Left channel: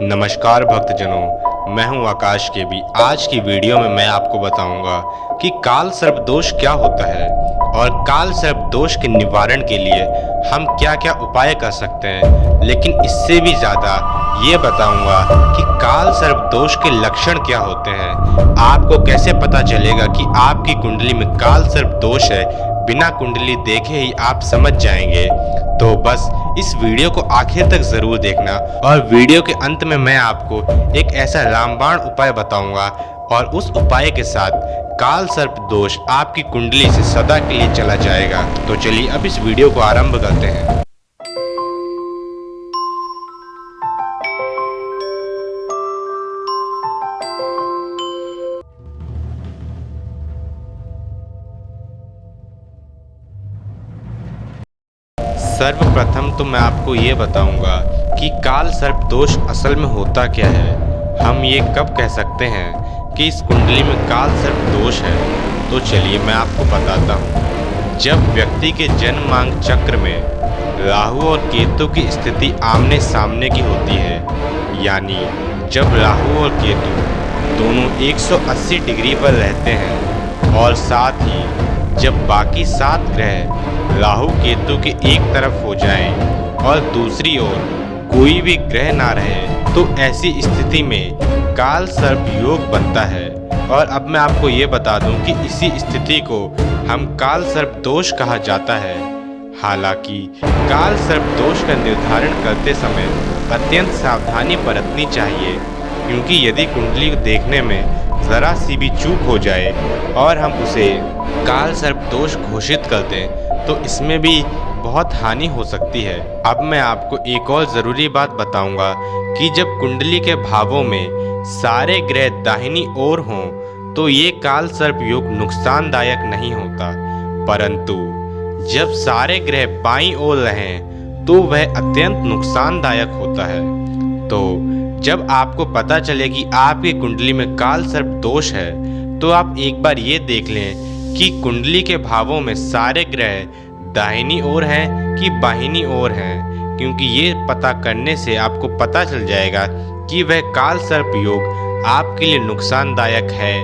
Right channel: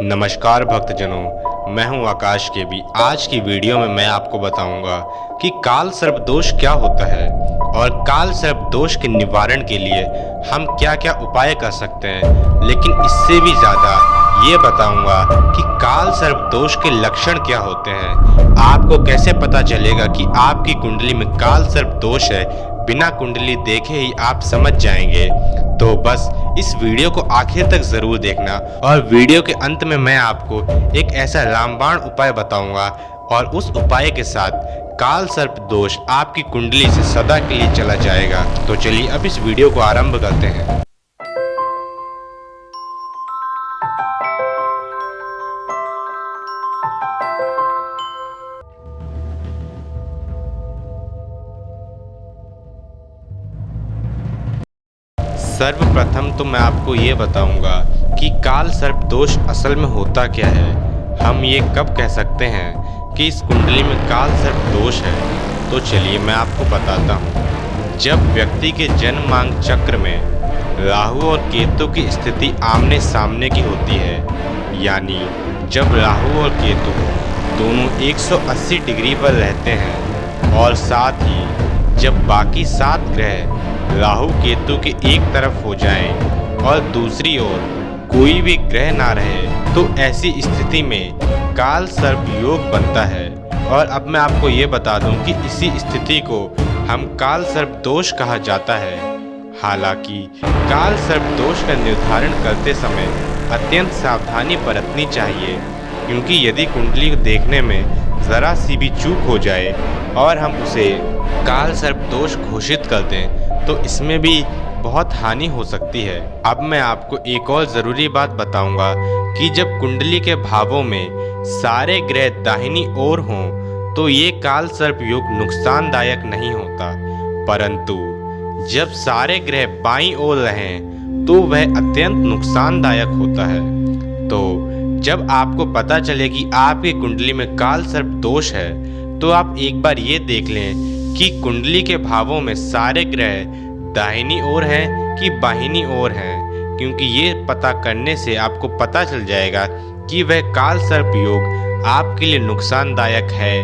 नमस्कार भक्तजनों, मैं हूं आकाश के भी। आज की वीडियो में मैं आपको बताऊंगा कि काल सर्प दोष क्या होता है और काल सर्प दोष के निवारण के लिए हम क्या क्या उपाय कर सकते हैं। लेकिन इससे भी ज़्यादा ये बताऊंगा कि काल सर्प दोष के लक्षण क्या होते हैं। आपको कैसे पता चलेगा कि आपकी कुंडली में काल सर्प दोष है। बिना कुंडली देखे ही आप समझ जाएंगे। तो बस इस वीडियो को आखिर तक ज़रूर देखना और वीडियो के अंत में मैं आपको एक ऐसा रामबाण उपाय बताऊंगा और उस उपाय के साथ काल सर्प दोष आपकी कुंडली से सदा के लिए चला जाएगा। तो चलिए अब इस वीडियो को आरंभ करते हैं। सर्वप्रथम तो मैं आपको ये बताऊंगा कि काल सर्प दोष असल में होता क्या है। हम ये कब कह सकते हैं कि इस कुंडली में काल सर्प दोष है। तो चलिए मैं आपको बताता हूँ। जब व्यक्ति के जन्मांग चक्र में राहु और केतु की स्थिति आमने सामने की होती है, यानी जब राहु और केतु दोनों 180 डिग्री पर रहते हैं और साथ ही जब बाकी 7 ग्रह राहु केतु के एक तरफ हो जाएं और दूसरी ओर कोई भी ग्रह ना रहे, तो ऐसी स्थिति में काल सर्प योग बनता है। और अब मैं आपको ये बता दूं कि इसी स्थिति को हम काल सर्प दोष कहा जाता है। हालांकि काल सर्प दोष का निर्धारण करते समय अत्यंत सावधानी बरतनी चाहिए, क्योंकि यदि कुंडली को देखने में ज़रा सी भी चूक हो जाए और हम उसे काल सर्प दोष घोषित कर दें तो इसमें भी बहुत हानि हो सकती है। अब मैं आपको एक और ज़रूरी बात बताऊंगा कि जब कुंडली के भावों में सारे ग्रह दाहिनी ओर हों तो ये काल सर्प योग नुकसानदायक नहीं होता, परंतु जब सारे ग्रह बाईं ओर रहें तो वह अत्यंत नुकसानदायक होता है। तो जब आपको पता चले कि आपकी कुंडली में काल सर्प दोष है तो आप एक बार ये देख लें कि कुंडली के भावों में सारे ग्रह दाहिनी ओर हैं कि बाहिनी ओर हैं, क्योंकि ये पता करने से आपको पता चल जाएगा कि वह काल सर्प योग आपके लिए नुकसानदायक है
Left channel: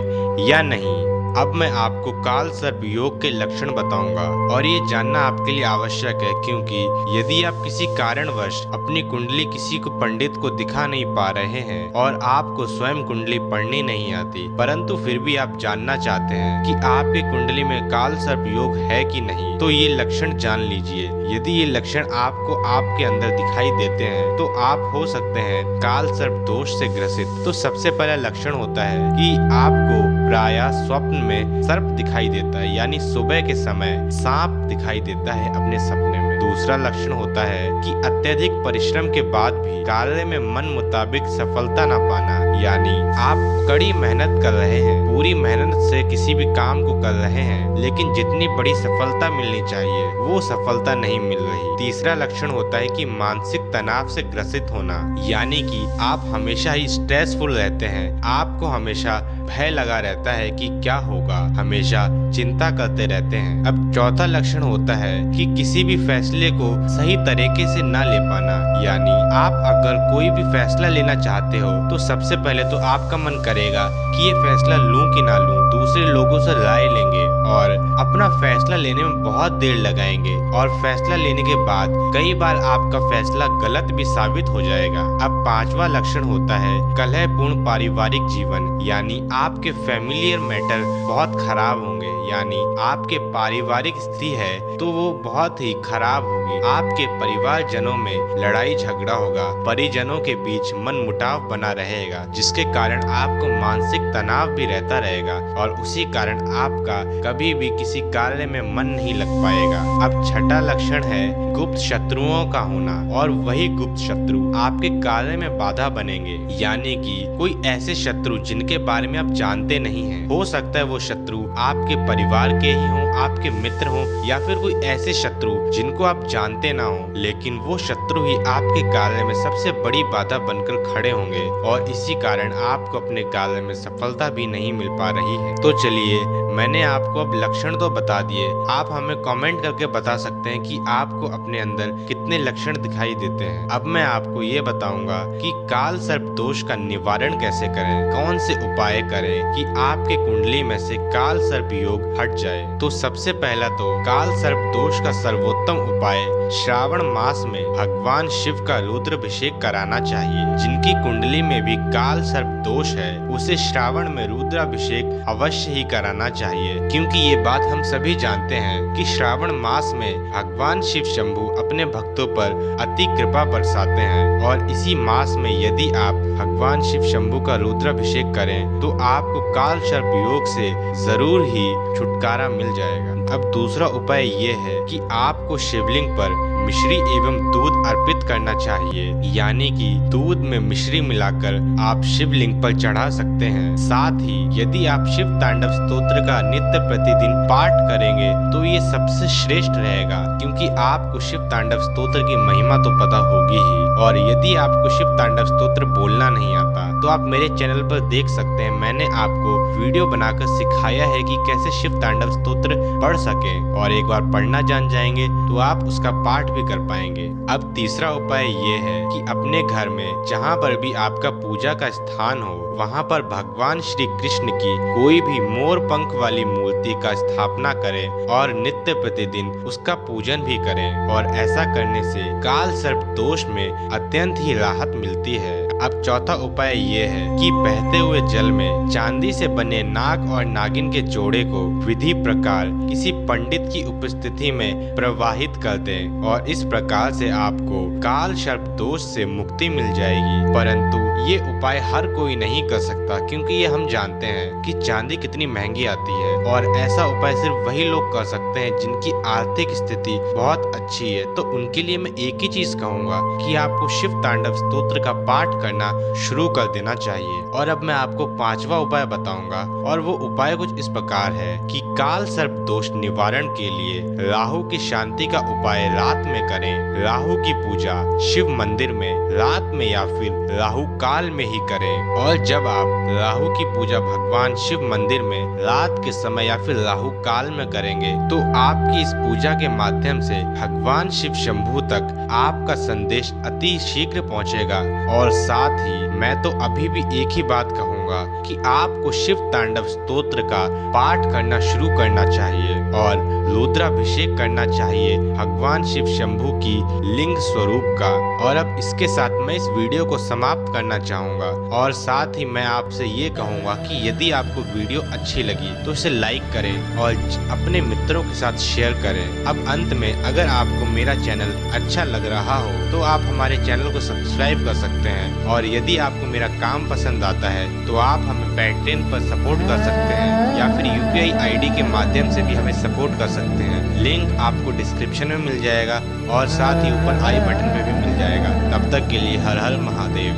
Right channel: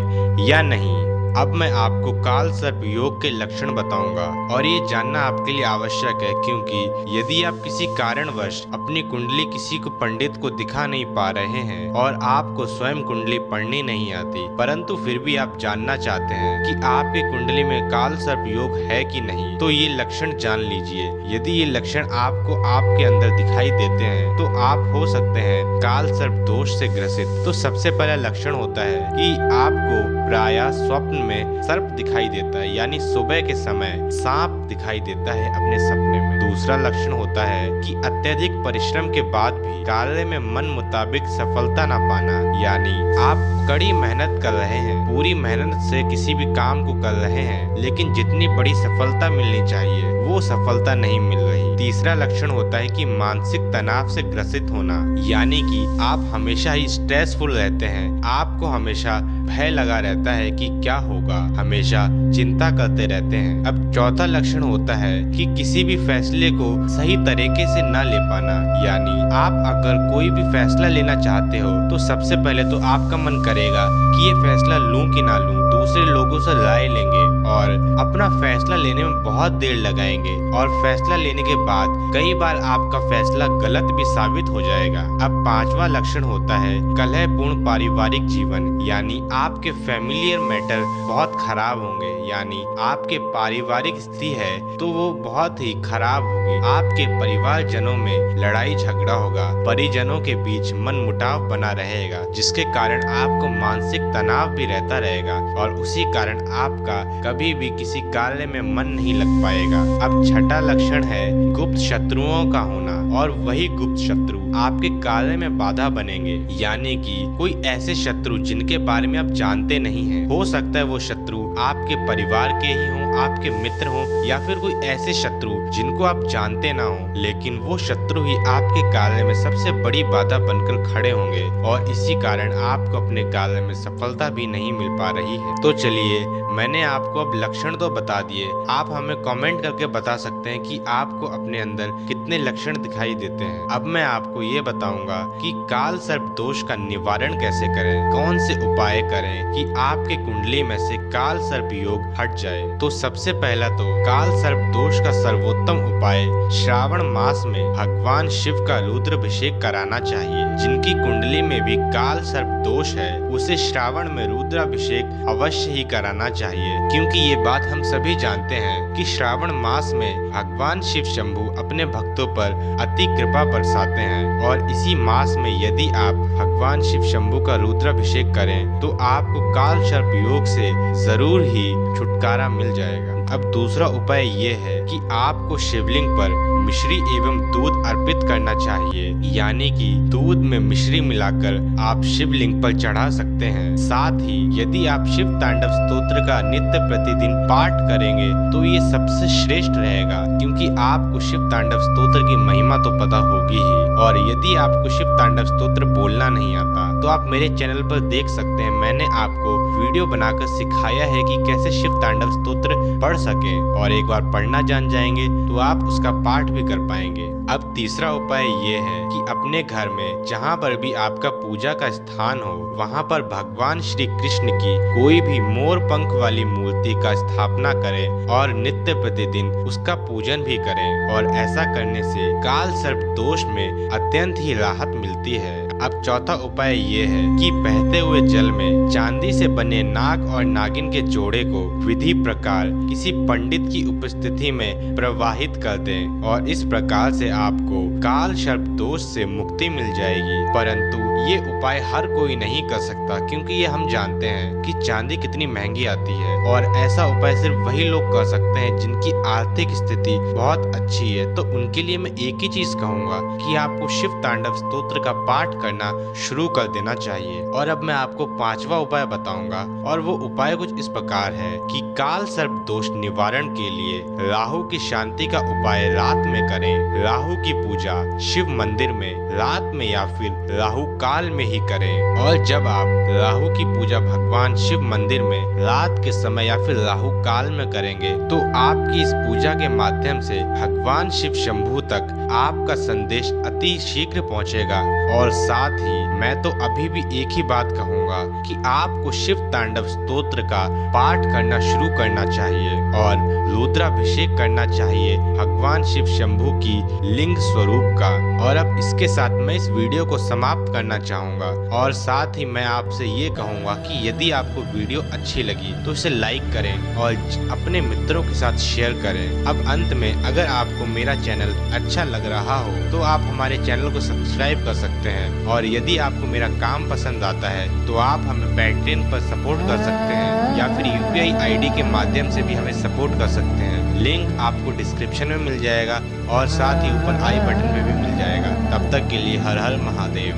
या नहीं। अब मैं आपको काल सर्प योग के लक्षण बताऊंगा और ये जानना आपके लिए आवश्यक है, क्योंकि यदि आप किसी कारणवश अपनी कुंडली किसी को पंडित को दिखा नहीं पा रहे हैं और आपको स्वयं कुंडली पढ़नी नहीं आती, परंतु फिर भी आप जानना चाहते हैं कि आपकी कुंडली में काल सर्प योग है कि नहीं, तो ये लक्षण जान लीजिए। यदि ये लक्षण आपको आपके अंदर दिखाई देते हैं तो आप हो सकते हैं काल सर्प दोष से ग्रसित। तो सबसे पहला लक्षण होता है कि आपको प्रायः स्वप्न में सर्प दिखाई देता है, यानी सुबह के समय सांप दिखाई देता है अपने सपने में। दूसरा लक्षण होता है कि अत्यधिक परिश्रम के बाद भी कार्य में मन मुताबिक सफलता न पाना, यानी आप कड़ी मेहनत कर रहे हैं, पूरी मेहनत से किसी भी काम को कर रहे हैं, लेकिन जितनी बड़ी सफलता मिलनी चाहिए वो सफलता नहीं मिल रही। तीसरा लक्षण होता है कि मानसिक तनाव से ग्रसित होना, यानी कि आप हमेशा ही स्ट्रेसफुल रहते हैं, आपको हमेशा भय लगा रहता है कि क्या होगा, हमेशा चिंता करते रहते हैं। अब चौथा लक्षण होता है कि किसी भी फैसले को सही तरीके से ना ले पाना, यानी आप अगर कोई भी फैसला लेना चाहते हो तो सबसे पहले तो आपका मन करेगा कि ये फैसला लूं कि ना लूं, दूसरे लोगों से राय लेंगे और अपना फैसला लेने में बहुत देर लगाएंगे और फैसला लेने के बाद कई बार आपका फैसला गलत भी साबित हो जाएगा। अब पांचवा लक्षण होता है कलहपूर्ण पारिवारिक जीवन, यानी आपके फैमिलियर मैटर बहुत खराब होंगे, यानी आपके पारिवारिक स्थिति है तो वो बहुत ही खराब होगी। आपके परिवारजनों में लड़ाई झगड़ा होगा, परिजनों के बीच मन मुटाव बना रहेगा, जिसके कारण आपको मानसिक तनाव भी रहता रहेगा और उसी कारण आपका कभी भी किसी कार्य में मन नहीं लग पाएगा। अब छठा लक्षण है गुप्त शत्रुओं का होना, और वही गुप्त शत्रु आपके कार्य में बाधा बनेंगे, यानी कि कोई ऐसे शत्रु जिनके बारे में आप जानते नहीं हैं। हो सकता है वो शत्रु आपके परिवार के ही हों, आपके मित्र हों या फिर कोई ऐसे शत्रु जिनको आप जानते ना हो, लेकिन वो शत्रु ही आपके कार्य में सबसे बड़ी बाधा बनकर खड़े होंगे और इसी कारण आपको अपने कार्य में सफलता भी नहीं मिल पा रही है। तो चलिए, मैंने आपको अब लक्षण तो बता दिए, आप हमें कमेंट करके बता सकते हैं कि आपको अपने अंदर कितने लक्षण दिखाई देते हैं। अब मैं आपको ये बताऊंगा कि काल सर्प दोष का निवारण कैसे करें, कौन से उपाय करें कि आपके कुंडली में से काल सर्प योग हट जाए। तो सबसे पहला तो काल सर्प दोष का सर्वोत्तम उपाय श्रावण मास में भगवान शिव का रुद्राभिषेक कराना चाहिए। जिनकी कुंडली में भी काल सर्प दोष है उसे श्रावण में रुद्राभिषेक अवश्य ही कराना चाहिए, क्योंकि ये बात हम सभी जानते हैं कि श्रावण मास में भगवान शिव शंभु अपने भक्तों पर अति कृपा बरसाते हैं और इसी मास में यदि आप भगवान शिव शंभु का रुद्राभिषेक करें तो आपको काल सर्प योग से जरूर ही छुटकारा मिल जाएगा। अब दूसरा उपाय ये है कि आपको शिवलिंग पर मिश्री एवं दूध अर्पित करना चाहिए, यानी कि दूध में मिश्री मिलाकर आप शिवलिंग पर चढ़ा सकते हैं। साथ ही यदि आप शिव तांडव स्तोत्र का नित्य प्रतिदिन पाठ करेंगे तो ये सबसे श्रेष्ठ रहेगा, क्योंकि आपको शिव तांडव स्तोत्र की महिमा तो पता होगी ही। और यदि आपको शिव तांडव स्तोत्र बोलना नहीं आता तो आप मेरे चैनल पर देख सकते हैं, मैंने आपको वीडियो बनाकर सिखाया है कि कैसे शिव तांडव स्तोत्र पढ़ सके, और एक बार पढ़ना जान जाएंगे तो आप उसका पाठ भी कर पाएंगे। अब तीसरा उपाय ये है कि अपने घर में जहाँ पर भी आपका पूजा का स्थान हो वहाँ पर भगवान श्री कृष्ण की कोई भी मोर पंख वाली मूर्ति का स्थापना करें और नित्य प्रतिदिन उसका पूजन भी करें, और ऐसा करने से काल सर्प दोष में अत्यंत ही राहत मिलती है। अब चौथा उपाय ये है कि बहते हुए जल में चांदी से बने नाग और नागिन के जोड़े को विधि प्रकार किसी पंडित की उपस्थिति में प्रवाहित कर दें, और इस प्रकार से आपको काल सर्प दोष से मुक्ति मिल जाएगी। परंतु ये उपाय हर कोई नहीं कर सकता, क्योंकि ये हम जानते हैं कि चांदी कितनी महंगी आती है, और ऐसा उपाय सिर्फ वही लोग कर सकते हैं जिनकी आर्थिक स्थिति बहुत अच्छी है। तो उनके लिए मैं एक ही चीज कहूँगा कि आपको शिव तांडव स्तोत्र का पाठ करना शुरू कर देना चाहिए। और अब मैं आपको पांचवा उपाय बताऊंगा, और वो उपाय कुछ इस प्रकार है कि काल सर्प दोष निवारण के लिए राहु की शांति का उपाय रात में करें। राहु की पूजा शिव मंदिर में रात में या फिर राहु काल में ही करें, और जब आप राहु की पूजा भगवान शिव मंदिर में रात के समय या फिर राहु काल में करेंगे तो आपकी इस पूजा के माध्यम से भगवान शिव शंभु तक आपका संदेश अति शीघ्र पहुंचेगा। और साथ ही मैं तो अभी भी एक ही बात कहूंगा कि आपको शिव तांडव स्तोत्र का पाठ करना शुरू करना चाहिए और रुद्राभिषेक करना चाहिए भगवान शिव शंभु की लिंग स्वरूप का। और अब इसके साथ मैं इस वीडियो को समाप्त करना चाहूंगा, और साथ ही मैं आपसे ये कहूंगा कि यदि आपको वीडियो अच्छी लगी तो इसे लाइक करें और अपने मित्रों के साथ शेयर करें। अब अंत में अगर आपको मेरा चैनल अच्छा लग रहा हो तो आप हमारे चैनल को सब्सक्राइब कर सकते हैं, और यदि आपको मेरा काम पसंद आता है तो आप हमें पेट्रियन पर सपोर्ट कर सकते हैं या फिर UPI ID के माध्यम से भी हमें सपोर्ट कर सकते हैं। लिंक आपको डिस्क्रिप्शन में मिल जाएगा और साथ ही ऊपर आई बटन पे भी मिल जाएगा। तब तक के लिए हर हर महादेव।